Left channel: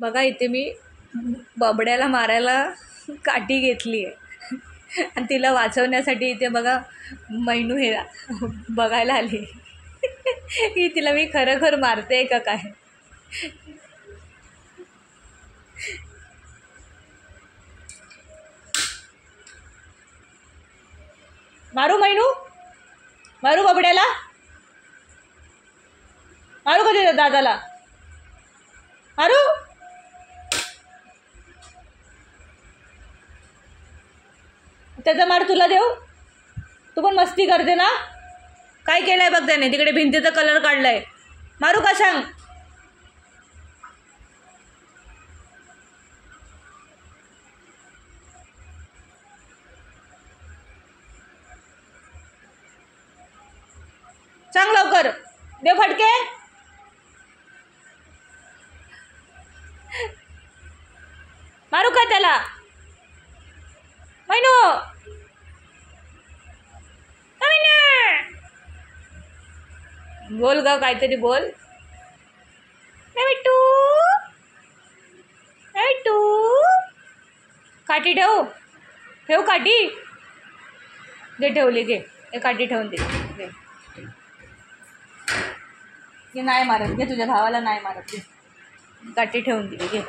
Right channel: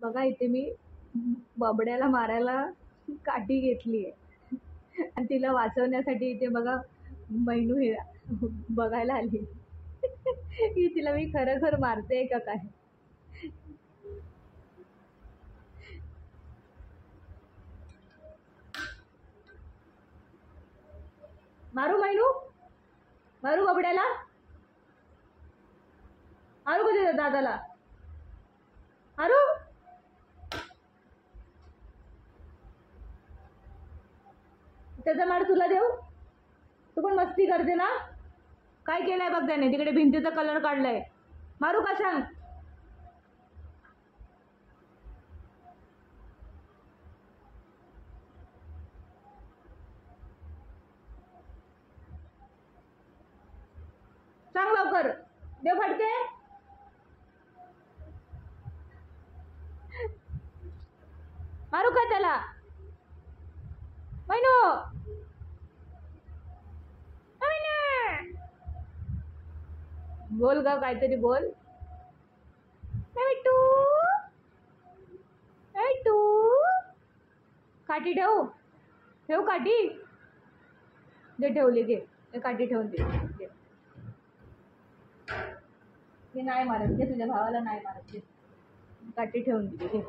बघा इथे मी बबड्याला मारायला काठी घेतली आहे आणि तिला वाचवण्यासाठी इथे बघा मैनू हे बघायला आली की तिला मी खरं मारते का काय. मारू मैनू, मारू बबड्याला, मारू का तुझ्या दादाला, मारू. त्याचा मार तुला देऊ, तू पण मस्ती करते ना. काय केलंय बघ त्याने, तिकडे भिंतीचा कलर काढलाय. मारू का सांग. सांग लवकर, दे फटके. मारू का त्याला. मैनू, बोल ग काहीतरी बोल. बिट्टू, बिट्टू, काठी ठेव, ठेव काठी दे. ठेवली घे, काठी ठेवून दे. नाही मारत घे, तुझ्या भावाला नाही मारत घे, काठी ठेवून दिली घे.